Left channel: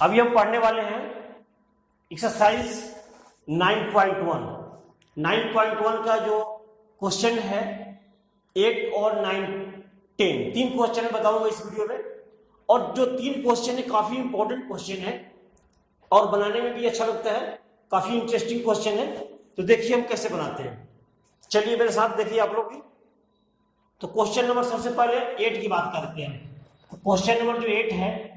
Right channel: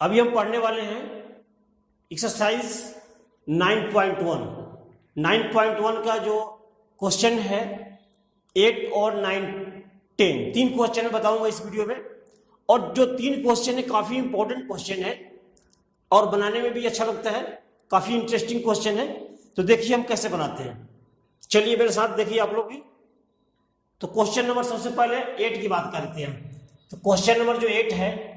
अभी हम पढ़ने वाले हैं एक्सरसाइज 9.1। 9.1 का जो क्वेश्चन है 8 और 9, 10 तीन क्वेश्चन बताऊंगा इस वीडियो में। और जो तीन क्वेश्चन है काफी इंपॉर्टेंट क्वेश्चन है और बनाने में भी अच्छा लगता है, काफी इंटरेस्टिंग क्वेश्चन है। तो देखिए हम कैसे बनाते हैं। चलिए मेरे साथ देखिए आप लोग भी। तो क्वेश्चन नंबर सबसे पहले 8 की बात करते हैं। तो क्वेश्चन नंबर जो 8 है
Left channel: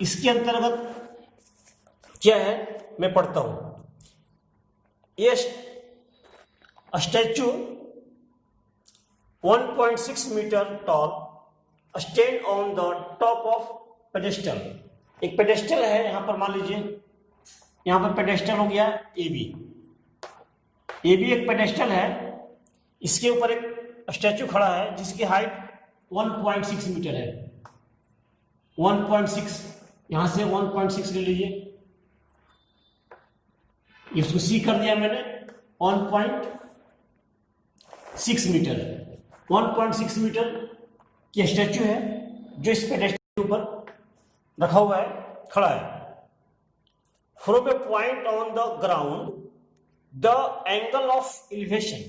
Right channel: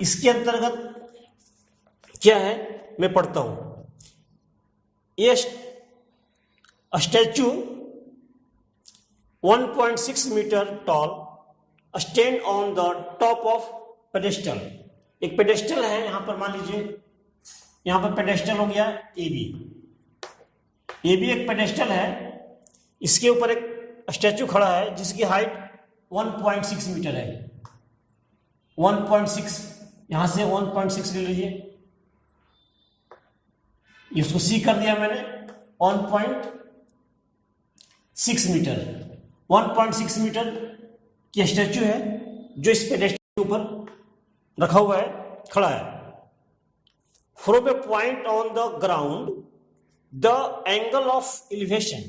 इसके अंतर्गत क्या है मैं पढ़ता हूं। ये statue 1.6 metre tall stand on the top of pedestal. एक पेडेस्टल है, यहां पर मान लीजिए यहां पर पेडेस्टल हो गया ए बी एक पेडेस्टल है। इसके ऊपर एक स्टैचू खड़ा है जिसकी हाइट 1.6 मीटर है। 1.6 यहां से 1.6 ले लीजिए, इसको सी कर दिया मैंने। 1.6 मीटर 1.6 मीटर की स्टैचू है जो इस पेडेस्टल के ऊपर रखा हुआ है, खड़ा है। From a point on the ground the angle of elevation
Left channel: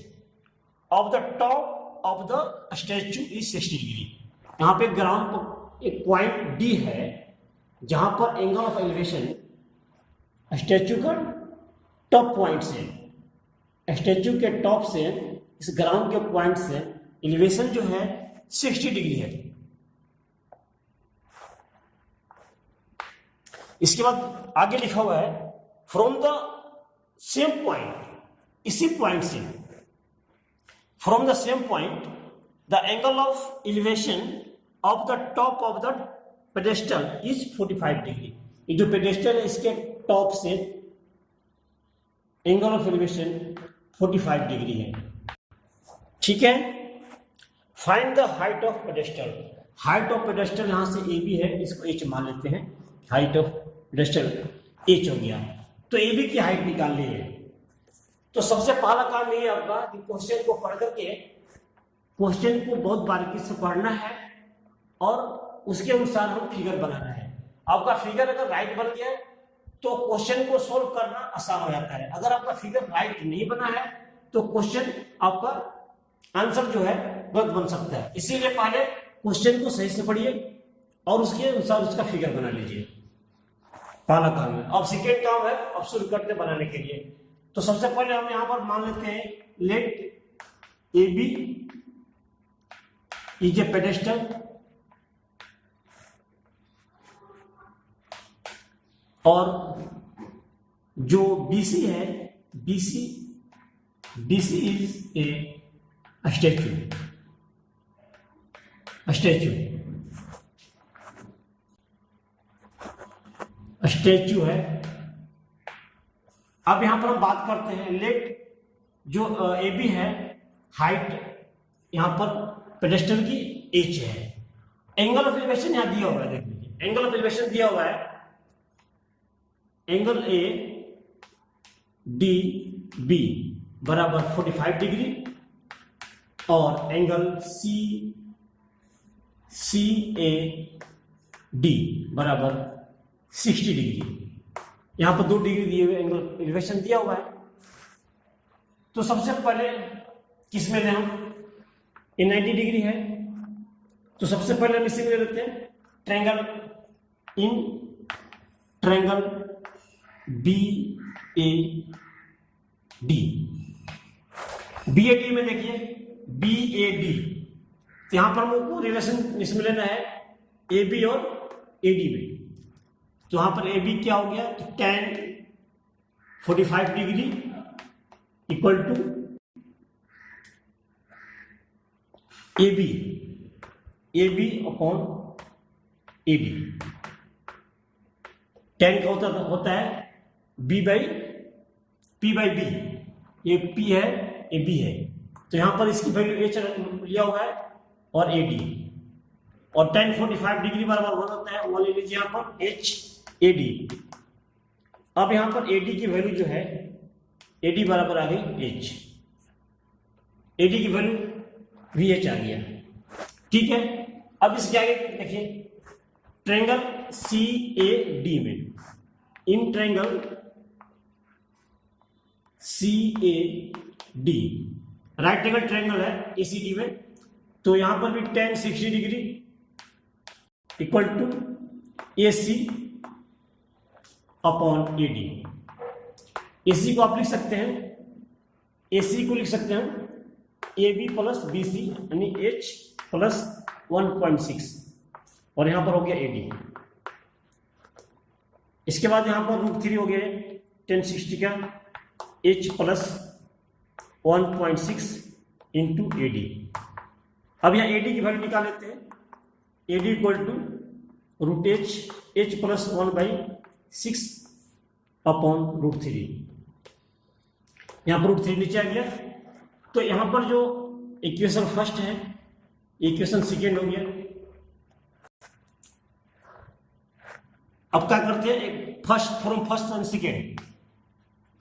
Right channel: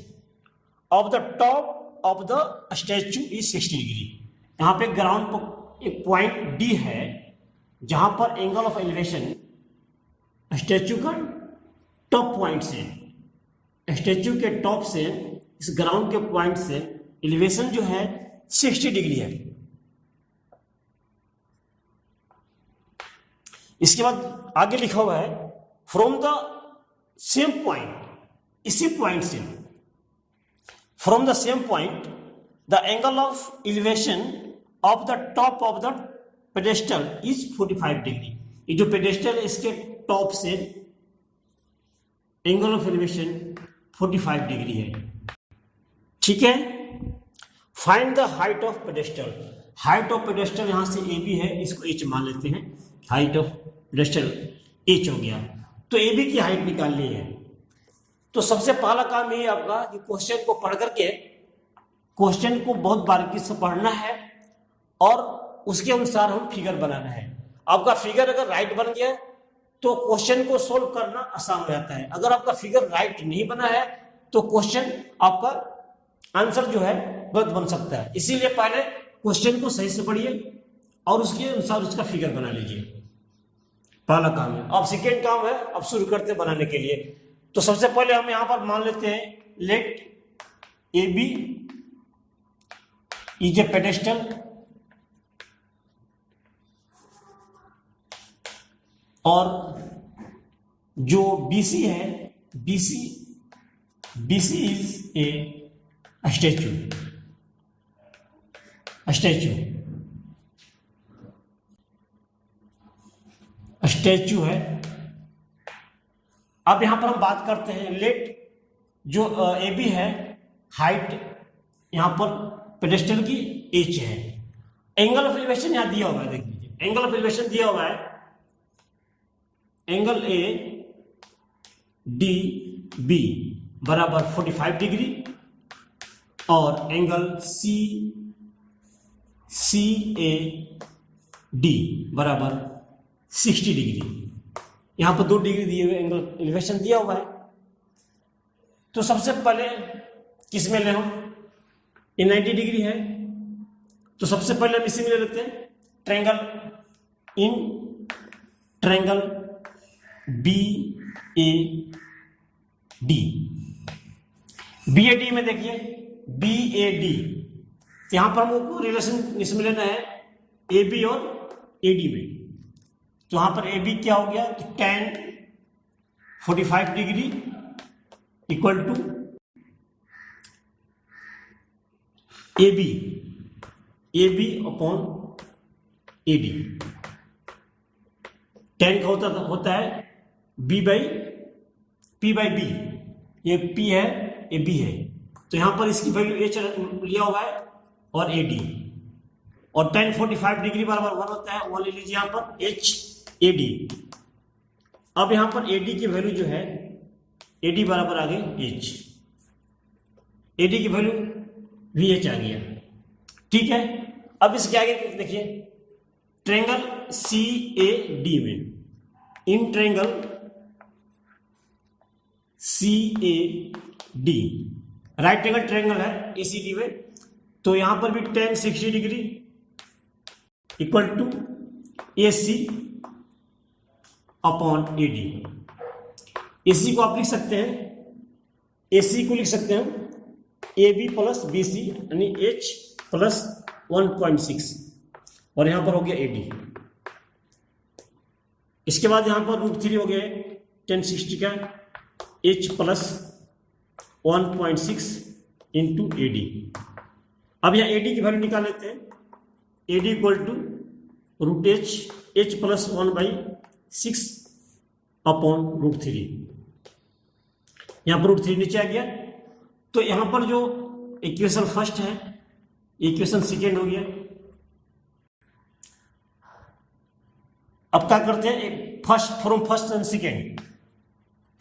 of the top of the statue is 60 degree. यहां पे ग्राउंड पर एक पॉइंट डी है जहां पर एंगल ऑफ एलिवेशन स्टैचू का टॉप पॉइंट से, स्टैचू के टॉप से इस ग्राउंड के पॉइंट से एलिवेशन जो है 60 डिग्री है। इसके बाद आगे लिखा हुआ है फ्रॉम द सेम पॉइंट, इसी पॉइंट से, from the same point the angle of elevation of the top of the pedestal is 45 degree. ये जो पेडेस्टल है इसके टॉप से एंगल ऑफ एलिवेशन 45 डिग्री है। ठीक है। Find the height of pedestal. Height of pedestal यहां से ए बी है, इसको एच मान लेते हैं। हाइट ऑफ पेडेस्टल एच हो गया। तो ए बी की हाइट निकालनी है। तो सबसे पहला काम ये आपका कि क्वेश्चन को पढ़ करके क्वेश्चन को बहुत बारीकी से पढ़ना है और उसके अनुसार हम फिगर बनाना है। आपका फिगर अगर राइट बन गया तो क्वेश्चन को सोल्व करना आसान हो जाता है। अगर आपका फिगर राइट नहीं बना है तो क्वेश्चन आपका आंसर जो है गलत बन सकता है। इसीलिए पहले क्वेश्चन को सही से पढ़िए और उसके अनुसार उसका फिगर बना लीजिए। पहला काम है। अब सेकेंड काम है, अब शुरू करते हैं बनाने के लिए। तो सबसे पहले हम यहां पर मान लेते हैं let A B is a pedestal और जो BC है BC इज ए स्टैचू है। अब यहां पर हम बात करते हैं लेट जो AB है, हाइट यहां पर पेडेस्टल की H है। एंगल ऑफ एलिवेशन यहां दिया हुआ है, देख लीजिए एंगल ऑफ एलिवेशन दिया हुआ है। एंगल ए डी बी बराबर 45 डिग्री और एंगल सी ए डी बराबर 60 डिग्री। यहां पर 2 डिग्री दिए हुए एंगल एलिवेशन दिया हुआ है। तो सबसे पहले किस में ले हम, ये 90 डिग्री है तो सबसे पहले हम इसी में ले लेते हैं ट्रायंगल बी ए डी में देखिए BAD। यहां पर हमको रिलेशन इसमें लेना है AB और AD में। तो यहां पर AB क्या हो गया तो tan 45 degree equal to AB upon AD। tan का होता है P बाई B। ये P है, ये B है। तो यहां पर इसकी वैल्यू H लिया हुआ है और AD और tan 45 डिग्री बराबर 1 होता है, 1 ले लीजिए यहां पर HAD। अब यहां पर AD की वैल्यू जो है AD बराबर आ गई H, AD की वैल्यू VH आ गया। ठीक है। अब इसके आगे देखिए ट्रायंगल CAD में, in triangle CAD right angle triangle है ACD में, तो यहां पर भी tan 60 degree equal to AC upon AD। AC को आप लिख सकते हैं, AC को लिख सकते हैं AB प्लस BC यानी H प्लस 1.6 और यहां पर हो गया AD। इसके बाद यहां पर √3 हो गया tan 60 का H प्लस 1.6 इंटू AD। अब यहाँ AD की वैल्यू निकाल लेते हैं, AD equal to √H, H plus 1/6 upon √3। यहाँ पर √3 नीचे आ गया, तो यहाँ पर जो इक्वेशन फर्स्ट है, इक्वेशन सेकेंड हो गया। अब क्या करते हैं, from first and second,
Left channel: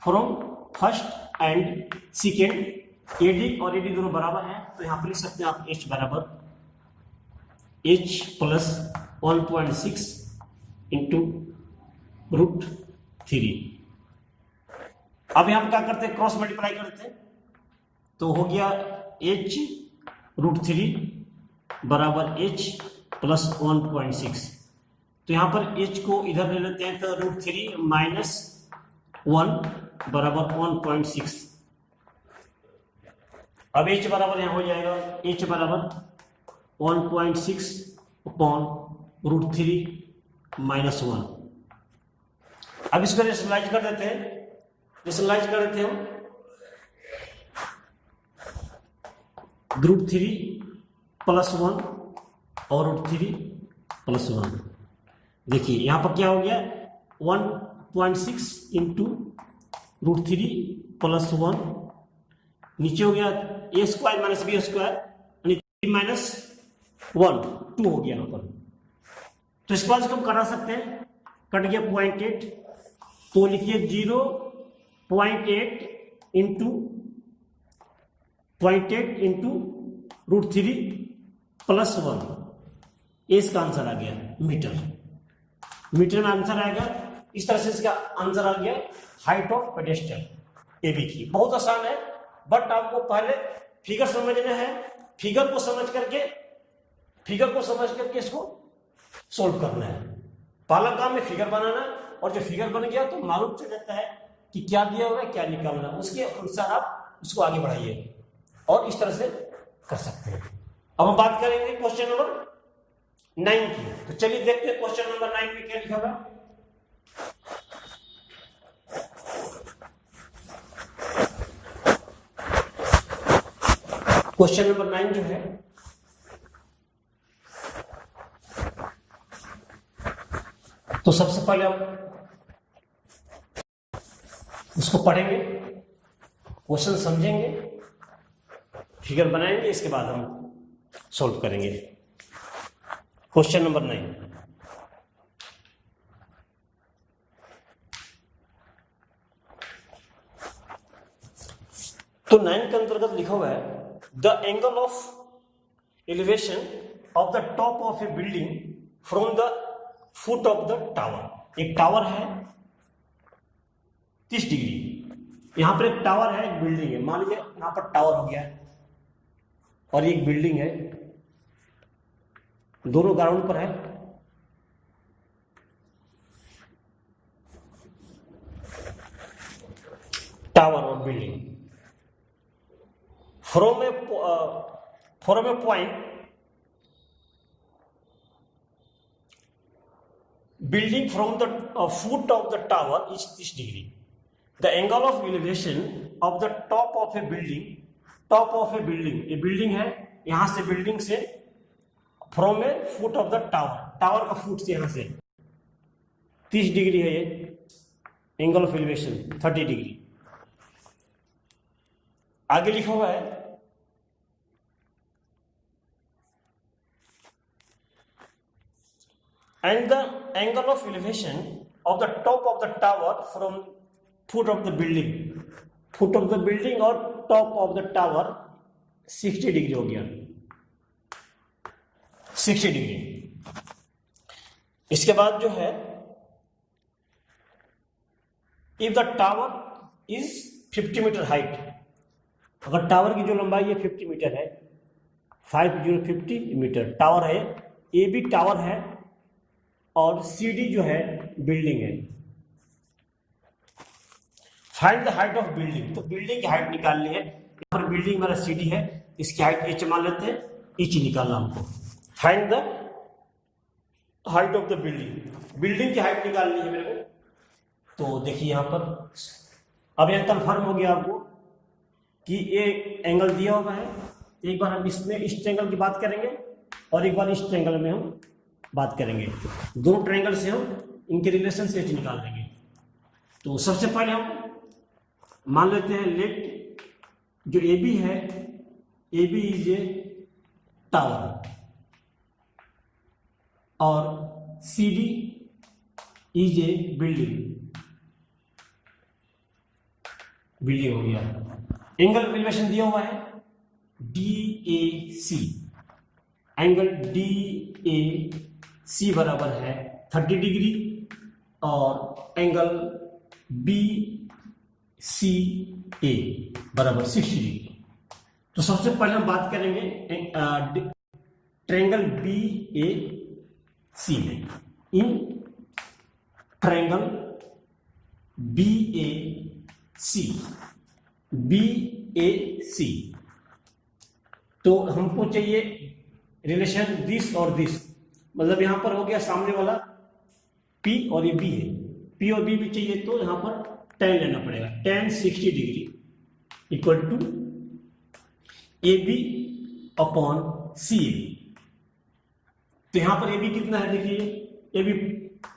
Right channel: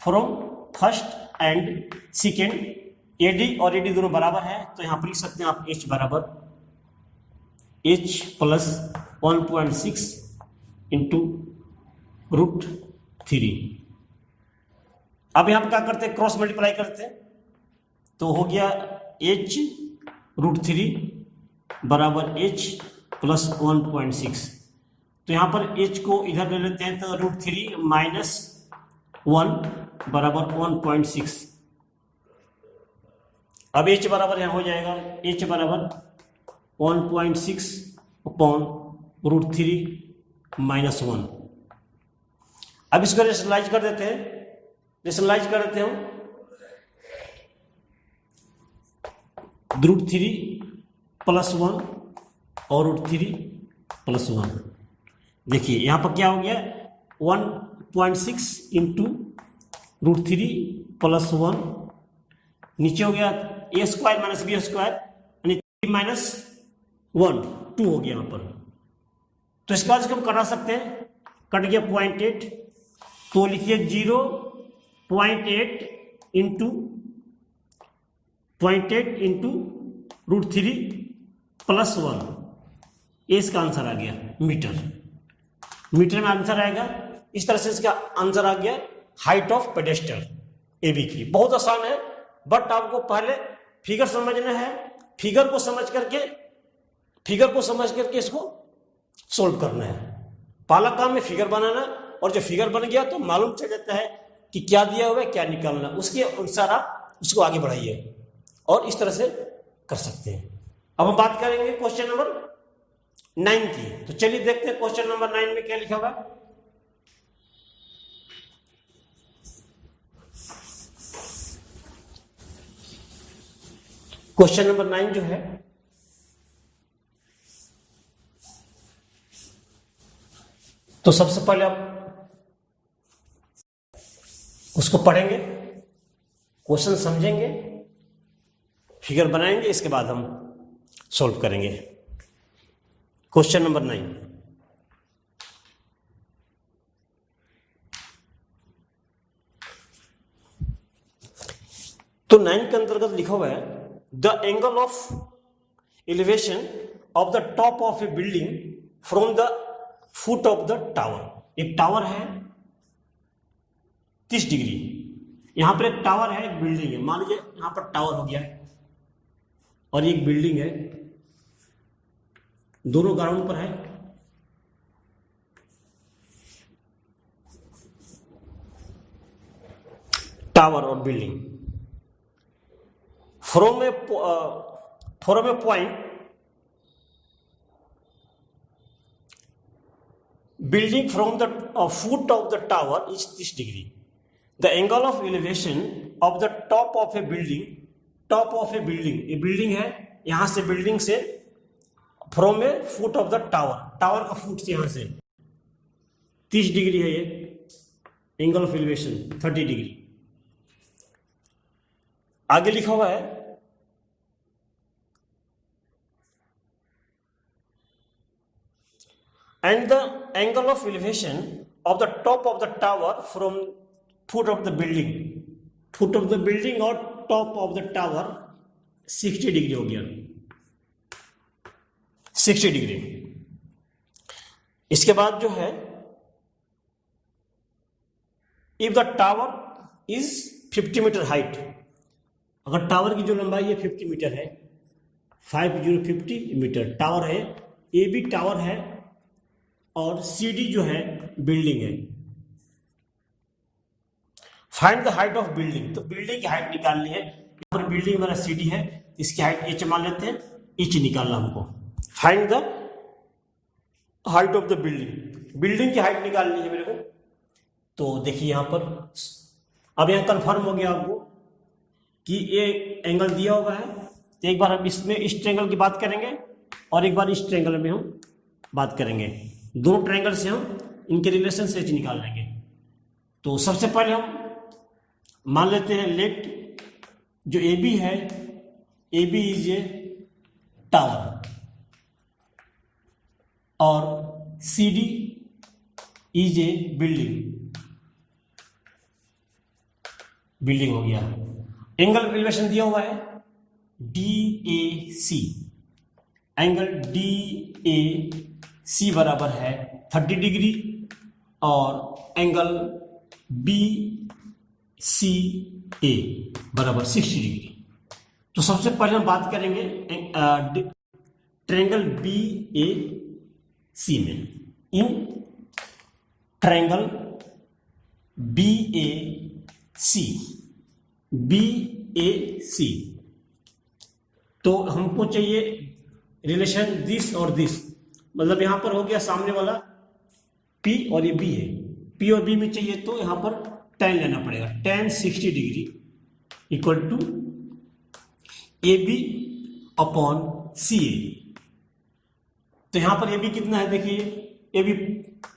from first and second AD और AD दोनों बराबर है, तो यहां पर लिख सकते हैं आप H बराबर H प्लस 1.6 इंटू √3। अब यहां पर क्या करते हैं, क्रॉस मल्टीप्लाई करते हैं, तो हो गया H √3 बराबर H प्लस 1.6। तो यहां पर H को इधर ले लेते हैं, तो √3 माइनस 1 बराबर 1.6। अब H बराबर यहां हो जाएगा H बराबर 1.6 अपॉन √3 माइनस 1। अब इसको रेशनलाइज कर देते हैं, रेशनलाइज कर देते हैं √3 प्लस 1 और √3 प्लस 1। देखिए यहां पर क्या हो गया, 1.6 इंटू √3 प्लस 1, नीचे हो गया a square minus b square यानी 3 माइनस 1 2 हो गया यहाँ पर। तो इसके बाद इसको हम कटा सकते हैं, कट गया 0.8, तो लिखिए 0.8 इंटू 0.8 इंटू √3 प्लस 1, ये इसका आंसर आ गया मीटर। मीटर में आंसर आएगा, इस तरह से इसका आंसर आ गया हाइट ऑफ पेडेस्टल AB की। बहुत आसान है, बट आपको पहले फिगर समझना है, फिगर को समझ करके इसको सोल्व करना है। पहला काम में फिगर बनाना, और जो फिगर बन गया तो मालूम चल जाता है कि क्या दिया हुआ है, क्या निकालना, उसके अनुसार आप उसको आगे बढ़ाइए और इस तरह से कर सकते हैं। अब हम बात करेंगे क्वेश्चन नंबर 9 की। तो चलिए देखते हैं क्वेश्चन नंबर 9 में क्या लिखा हुआ है। क्वेश्चन नंबर 9 जो है, तो सबसे पहले आप उसको पढ़ेंगे, क्वेश्चन समझेंगे, फिगर बनाएंगे, इसके बाद हम सॉल्व करेंगे। क्वेश्चन नंबर 9, तो 9 के अंतर्गत लिखा हुआ है the angle of elevation of the top of A building from the foot of the tower. एक टावर है 30 डिग्री, यहां पर एक टावर है, एक बिल्डिंग है। मान लीजिए यहां पर टावर हो गया है और एक बिल्डिंग है, दोनों ग्राउंड पर है। टावर और building from a point, building from the foot of the tower is 30 degree. The angle of elevation of the top of a building, a building है, यहां से बिल्डिंग से from a foot of the tower, tower का foot से यहां से 30 degree है, ये एंगल ऑफ एलिवेशन 30 डिग्री। आगे लिखा हुआ है and the angle of elevation of the top of the tower from foot of the building और top of the tower 60 degree हो गया, 60 डिग्री। इसके बाद जो है, if the tower is 50 metre height, अगर टावर की जो लंबाई है 50 मीटर है, 50 मीटर टावर है, ए बी टावर है और सी डी जो है बिल्डिंग है। Find the height of building, तो बिल्डिंग की हाइट निकालनी है। यहाँ पर बिल्डिंग मेरा सी डी है, इसकी हाइट एच मान लेते हैं, एच निकालना हमको। Find the height of the building, building की हाइट निकालनी है मेरे को। तो देखिए यहाँ पर अब यहाँ कंफर्म हो गया आपको कि ये एंगल दिया हुआ है। तो एक बार हम इसमें इस ट्रायंगल की बात करेंगे और एक बार इस ट्रायंगल में हम बात करेंगे। दोनों ट्रायंगल से हम इनके रिलेशन से निकाल लेंगे। तो सबसे पहले हम मान लेते हैं लेट जो ए बी है, A B is a tower और C D is a building हो गया। एंगल एलिवेशन दिया हुआ है D A C, angle D A C बराबर है 30 डिग्री और एंगल बी सी ए बराबर 60 डिग्री। तो सबसे पहले हम बात करेंगे ट्रायंगल बी ए सी में। In triangle B A C, B A C, तो हमको चाहिए रिलेशन दिस और दिस, मतलब यहां पर हो गया सामने वाला P और ये B है, P और B में चाहिए तो यहां पर tan लेना पड़ेगा। tan 60 degree equal to A B upon C A. तो यहां पर ए बी कितना है, देखिए ए बी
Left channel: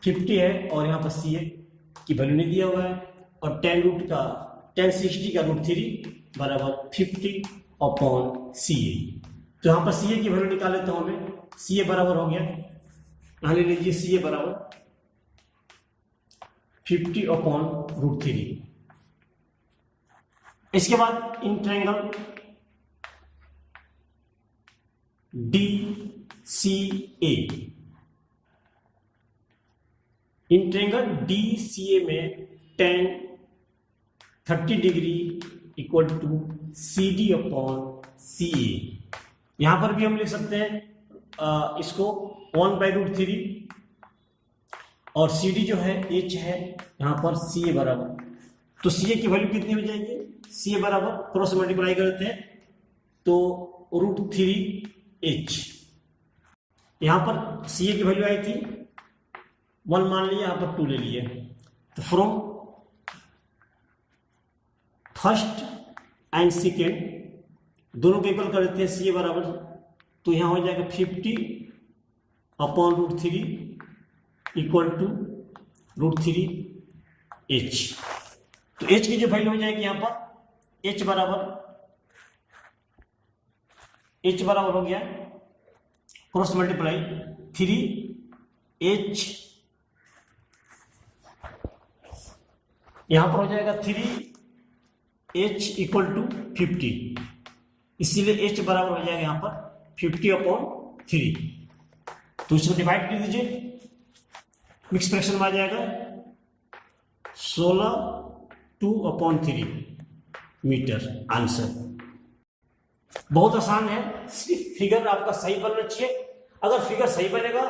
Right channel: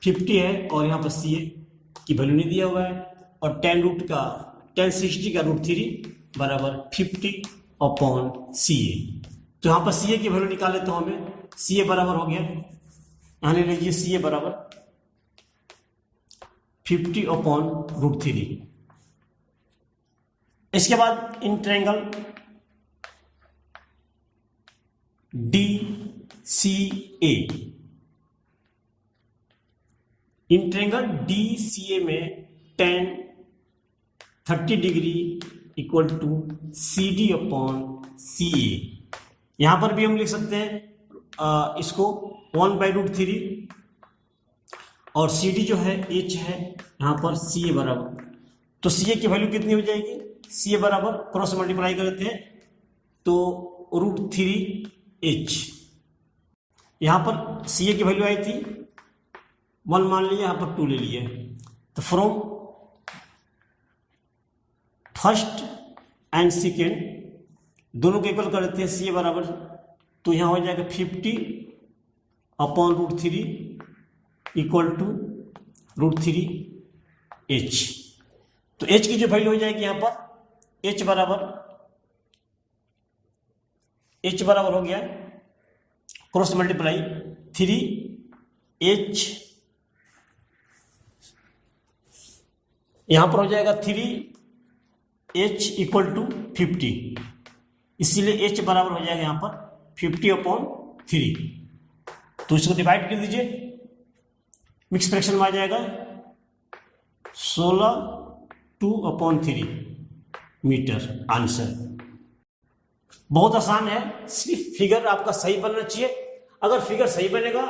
50 है और यहां पर सी ए की वैल्यू नहीं दिया हुआ है, और tan 60 का √3 बराबर 50 अपॉन सी ए। तो यहाँ पर सी ए की वैल्यू निकाले तो हमें सी ए बराबर हो गया, यहाँ ले लीजिए सी ए बराबर 50 अपॉन √3। इसके बाद in triangle D C A, in triangle D C A में tan 30 degree equal to C D upon C A. यहां पर भी हम लिख सकते हैं इसको 1/√3 और सी डी जो है एच है, यहां पर सी ए बराबर, तो सी ए की वैल्यू कितनी हो जाएगी, सी ए बराबर क्रॉस मल्टीप्लाई करते हैं तो √3h। यहां पर सी ए की वैल्यू आई थी 1 मान लिया, यहां पर 2 ले लिया। तो फ्रॉम फर्स्ट एंड सेकेंड दोनों को इक्वल कर देते हैं, सी ए बराबर, तो यहां हो जाएगा 50 अपॉन √3 इक्वल टू √3h। तो h की जो वैल्यू हो जाएगी यहां पर h बराबर हो गया क्रॉस मल्टीप्लाई 3h, यहां पर हो जाएगा 3h इक्वल टू 50, इसीलिए h बराबर हो जाएगा यहां पर 50 अपॉन 3। तो इसको डिवाइड कर दीजिए, मिक्स फ्रैक्शन में आ जाएगा 16/2/3 मीटर। आंसर बहुत आसान है, सिर्फ फिगर आपका सही बनना चाहिए। अगर फिगर सही बनेगा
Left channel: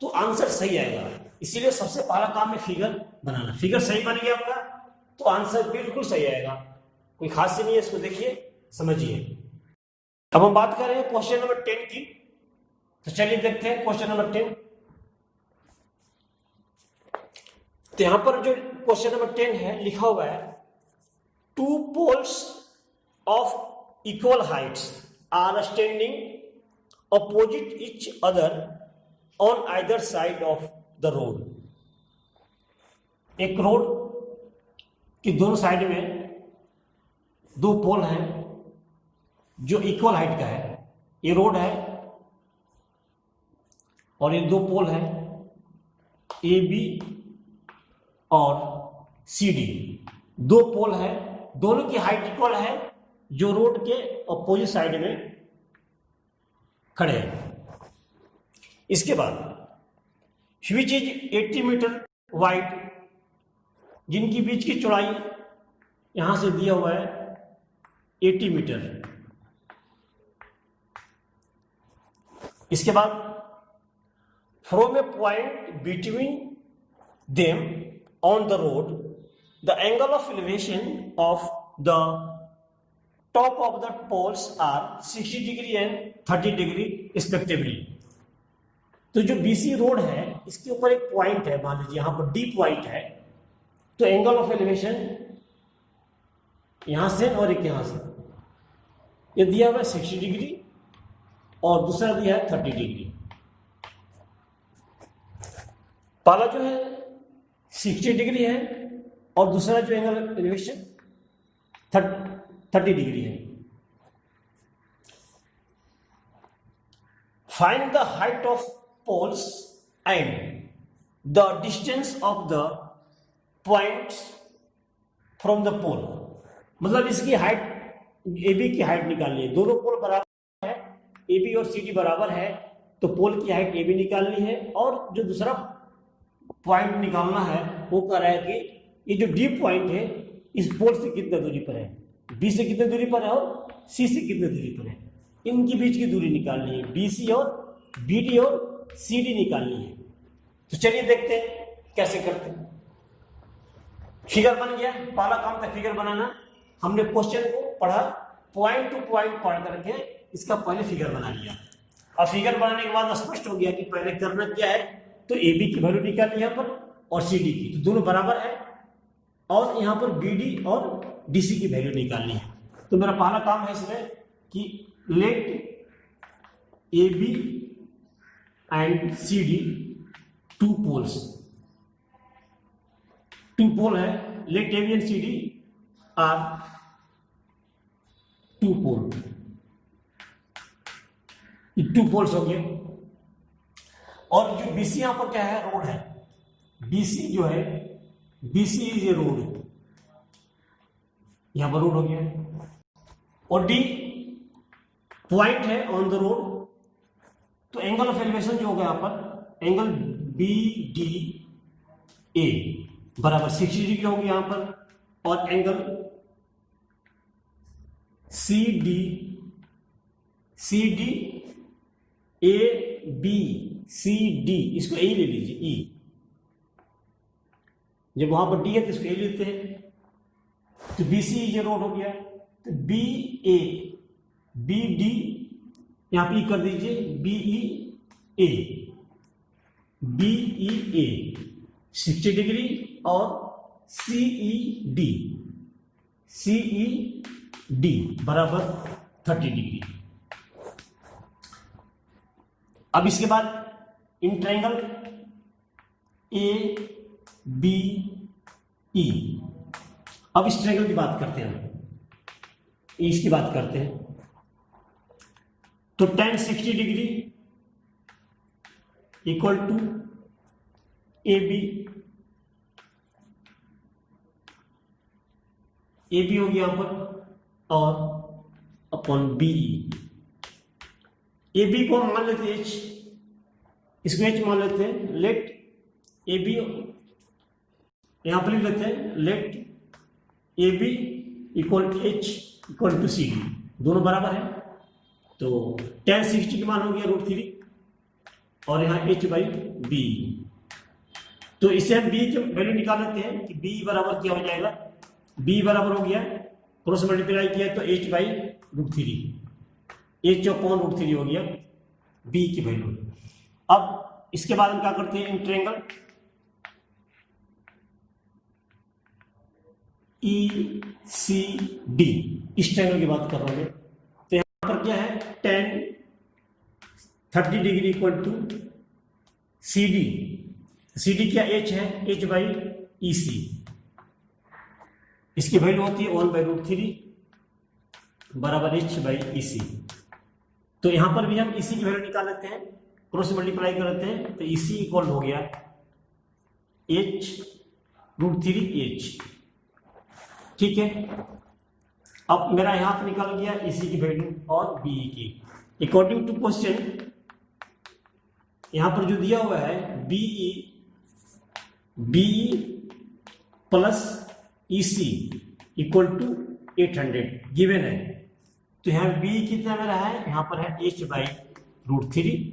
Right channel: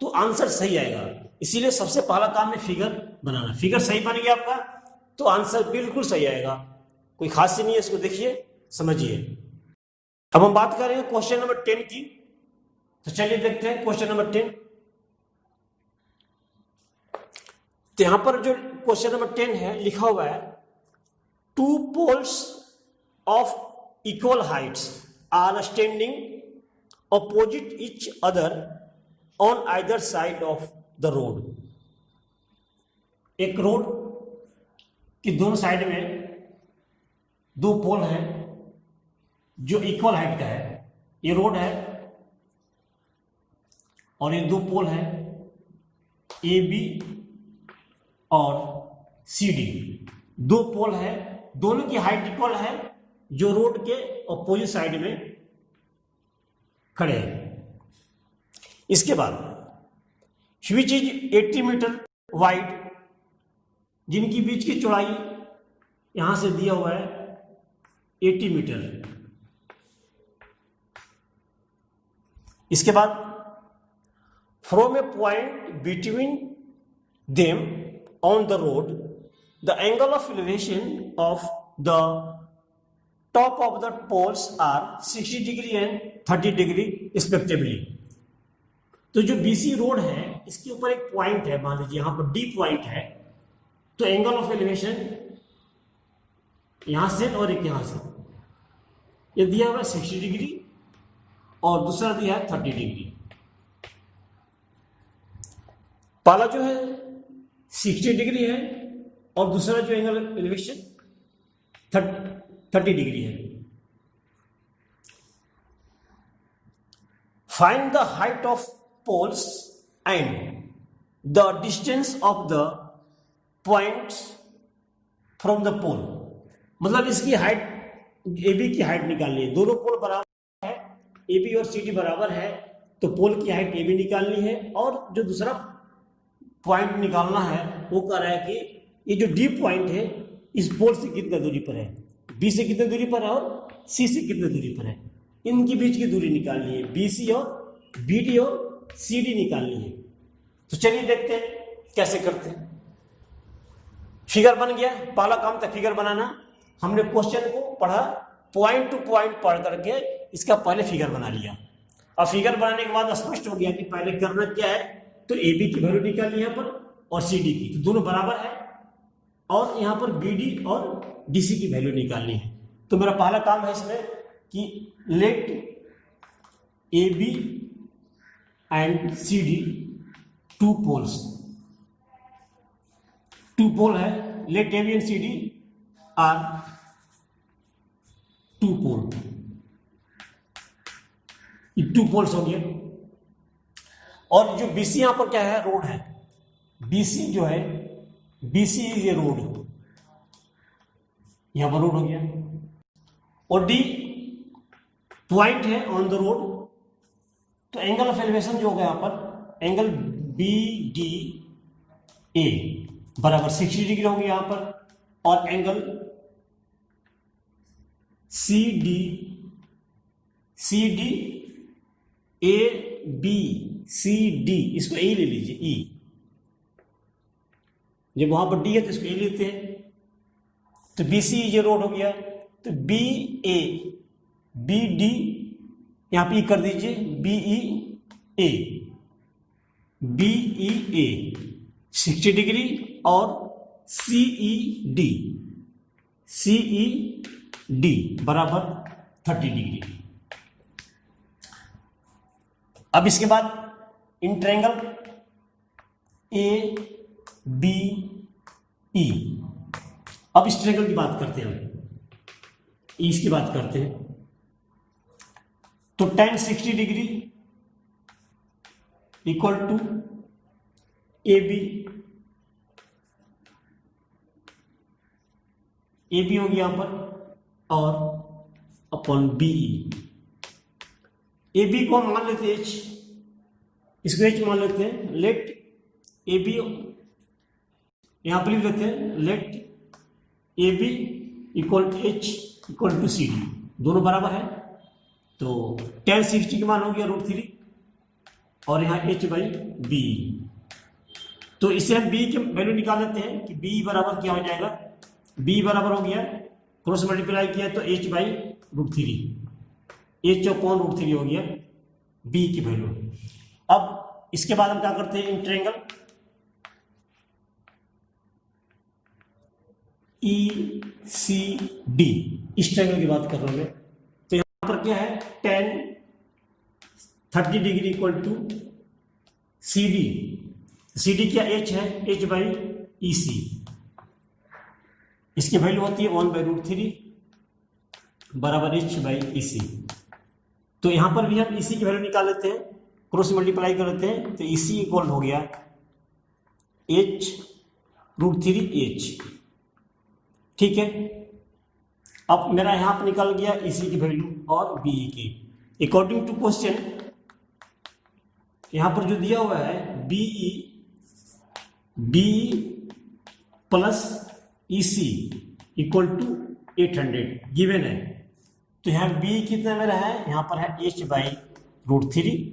तो आंसर सही आएगा, इसीलिए सबसे पहला काम है फिगर बनाना। फिगर सही बन गया आपका तो आंसर बिल्कुल सही आएगा, कोई खास नहीं है, इसको देखिए समझिए। अब हम बात कर रहे हैं क्वेश्चन नंबर 10 की, तो चलिए देखते हैं क्वेश्चन नंबर 10। तो यहां पर जो क्वेश्चन नंबर 10 है लिखा हुआ है, 2 poles of equal heights are standing opposite each other on either side of the road। एक रोड की दोनों साइड में 2 पोल हैं जो इक्वल हाइट का है। ये रोड है और ये 2 पोल है ए बी और सी डी। 2 पोल है, दोनों की हाइट इक्वल है, जो रोड के अपोजिट साइड में खड़े हैं। इसके बाद विच इज 80 मीटर वाइड, जिनकी बीच की चौड़ाई यहां से दिया हुआ है 80 मीटर। इसके बाद from a point between them on the road the angle of elevation of the top of the poles are 60 degree and 30 degree respectively. तो जो बीसी रोड है इसके ऊपर एक पॉइंट है, मान लीजिए यहां पर डी पॉइंट है, तो एंगल ऑफ एलिवेशन यहां से और एक यहां से, ये दिया हुआ है 60 डिग्री और दूसरा दिया है 30 डिग्री। पहला जो है 60 डिग्री है और दूसरा जो एंगल एलिवेशन 30 डिग्री है। Find the height of poles and the distance of the points from the pole. मतलब इसकी हाइट, ए बी की हाइट निकालनी है। दोनों पोल बराबर है, ए बी और सी डी बराबर है, तो पोल की हाइट ए बी निकालनी है। और जो दूसरा पॉइंट निकालना है वो कह रहा है कि ये जो डी पॉइंट है इस पोल से कितना दूरी पर है, बी से कितने दूरी पर है और सी से कितने दूरी पर है, इनके बीच की दूरी निकालनी है। बी सी और बी डी और सी डी निकालनी है। तो चलिए देखते हैं कैसे करते हैं। फिगर बन गया, पहला काम था फिगर बनाना। हमने क्वेश्चन को पढ़ा, पॉइंट टू पॉइंट पढ़ करके इसका पहले फिगर बना लिया। अब फिगर बनाने के बाद स्पष्ट हो गया कि पहले करना क्या है, तो ए बी की वैल्यू निकालनी है यहाँ पर और सी डी की, तो दोनों बराबर है। और यहाँ पर बी डी और डी सी की वैल्यू निकालनी है। तो मेरा पहला काम है इसमें कि let A B and C D two poles, two pole है, let A B and C D are two pole, ये टू पोल्स हो गए। और जो बीसी यहां पर क्या है, रोड है। बीसी जो है, बीसी इज ए रोड, यहां पर रोड हो गया। और डी पॉइंट है ऑन द रोड, तो एंगल ऑफ एलिवेशन जो होगा यहां पर, एंगल बी डी ए बराबर 60 डिग्री होगी यहां पर। और angle C D A B C D, इसको ए ले लीजिए, ई, जब वहां पर डी है तो इसको ए लेते हैं। तो बी सी ये रोड हो गया, तो बी ए बी डी यहां पे ई कर दीजिए, B E A, B E A 60 degree और सी ई डी बराबर 30 डिग्री। अब इसके बाद in triangle A B E, अब इस ट्रायंगल की बात करते हैं, इसकी बात करते हैं। तो tan 60 degree equal to A B होगी यहां पर और upon B E. A B को मान लेते हैं एच, इसको एच मान लेते हैं। लेट ए बी यहां पर लिख लेते हैं, let A B equal to H equal to C D, दोनों बराबर है। तो tan 60 की मान हो गया √3 और यहाँ h बाई बी। तो इसे हम b की वैल्यू निकाल लेते हैं कि b बराबर क्या हो जाएगा, b बराबर हो गया, क्रॉस मल्टीप्लाई किया तो h बाई √3, h अपॉन √3 हो गया b की वैल्यू। अब इसके बाद हम क्या करते हैं, in triangle E C D, इस ट्रायंगल की बात कर रहा हूं मैं। तो यहां पर क्या है, tan 30 degree equal to C D क्या h है, h बाई ई सी, इसकी वैल्यू होती है 1/√3 बराबर h बाई ई सी। तो यहां पर भी हम इसी की वैल्यू निकाल लेते हैं, क्रॉस मल्टीप्लाई कर लेते हैं, तो इसी इक्वल हो गया h √3h। ठीक है, अब मेरा यहां पर निकल गया इसी की वैल्यू और बी की। अकॉर्डिंग टू क्वेश्चन यहां पर जो दिया हुआ है B plus EC equal to 800 given है। तो यहाँ बी कितना मेरा है, यहाँ पर है h/√3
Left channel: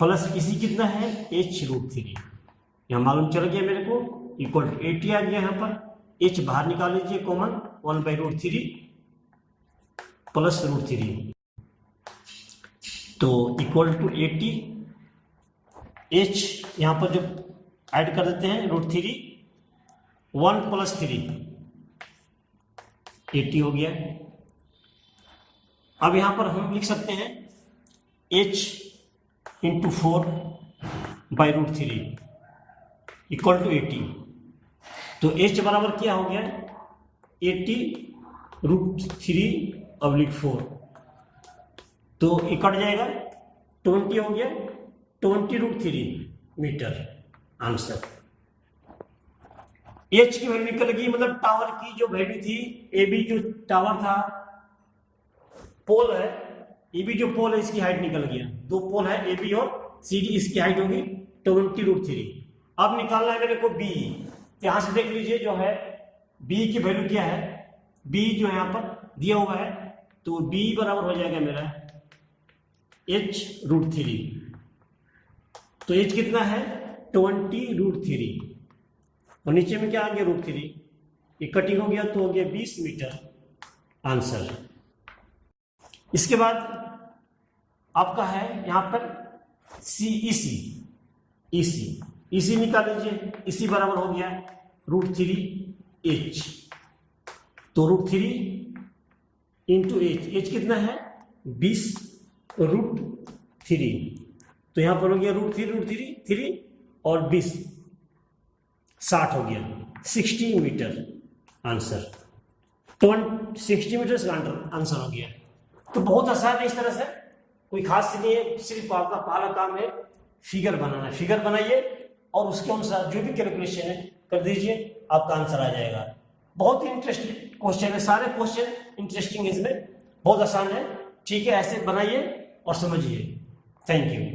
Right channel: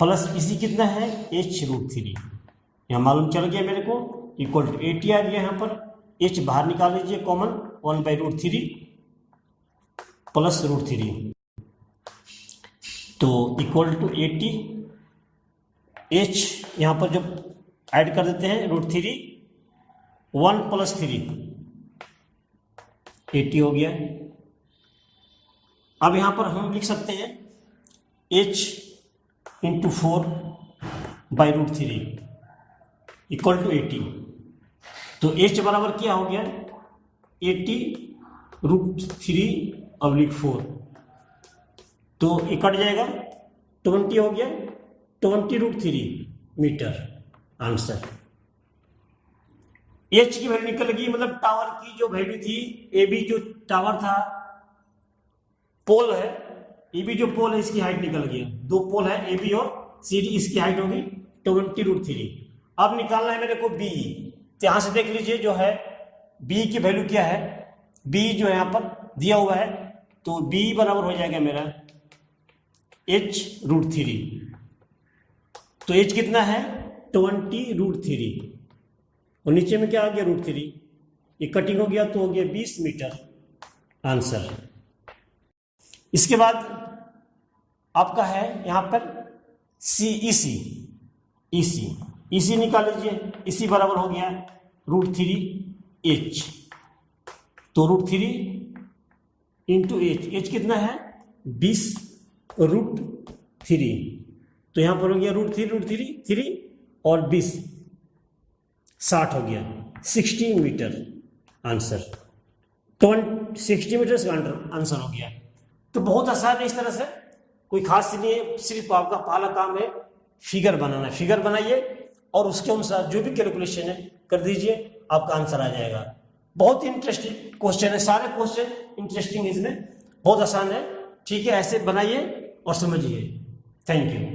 प्लस EC कितना है h√3, यहाँ मालूम चल गया मेरे को, इक्वल टू 80 आ गया। यहाँ पर h बाहर निकाल लीजिए कॉमन, 1/√3 प्लस √3, तो इक्वल टू 80। h यहाँ पर जब ऐड कर देते हैं √3, 1 + 3 80 हो गया। अब यहां पर हम लिख सकते हैं h × 4/√3 इक्वल टू 80। तो h बराबर क्या हो गया 80√3/4, तो ये कट जाएगा 20 हो गया, 20√3 मीटर आंसर। h की वैल्यू निकल गई, मतलब टावर की जो वैल्यू थी, AB जो टावर था, पोल है, AB जो पोल है इसकी हाइट निकल गया, दो पोल है AB और CD, इसकी हाइट होगी 20√3। अब निकालना है मेरे को B, तो यहां से देख लीजिए जो है B की वैल्यू क्या है, B जो यहाँ पर दिया हुआ है, तो B बराबर हो जाएगा मेरा h√3, तो h कितना है 20√3 और नीचे में क्या आ गया √3, ये कटिंग हो गया तो हो गया 20 मीटर आंसर। इसके बाद आपका है यहाँ पर EC निकाल लीजिए, EC बराबर हो गया √3h, तो √3 इंटू h कितना है 20√3, तो यहाँ पर हो गया √3 और 20 60 हो गया, 60 मीटर आंसर, 60 मीटर का आंसर हो गया। तो बहुत आसान है, इस तरह से कोई खास नहीं है, सिर्फ आपका पहला काम है फिगर बनाना। फिगर बनाइए और उसके अनुसार जो भी कैलकुलेशन है कर दीजिए, आपका आंसर आ जाएगा। बहुत इंटरेस्टिंग क्वेश्चन है, सारे क्वेश्चन इंटरेस्टिंग है, इसमें बहुत आसान है। ठीक है, ऐसे बनाइए और समझिए। Thank you.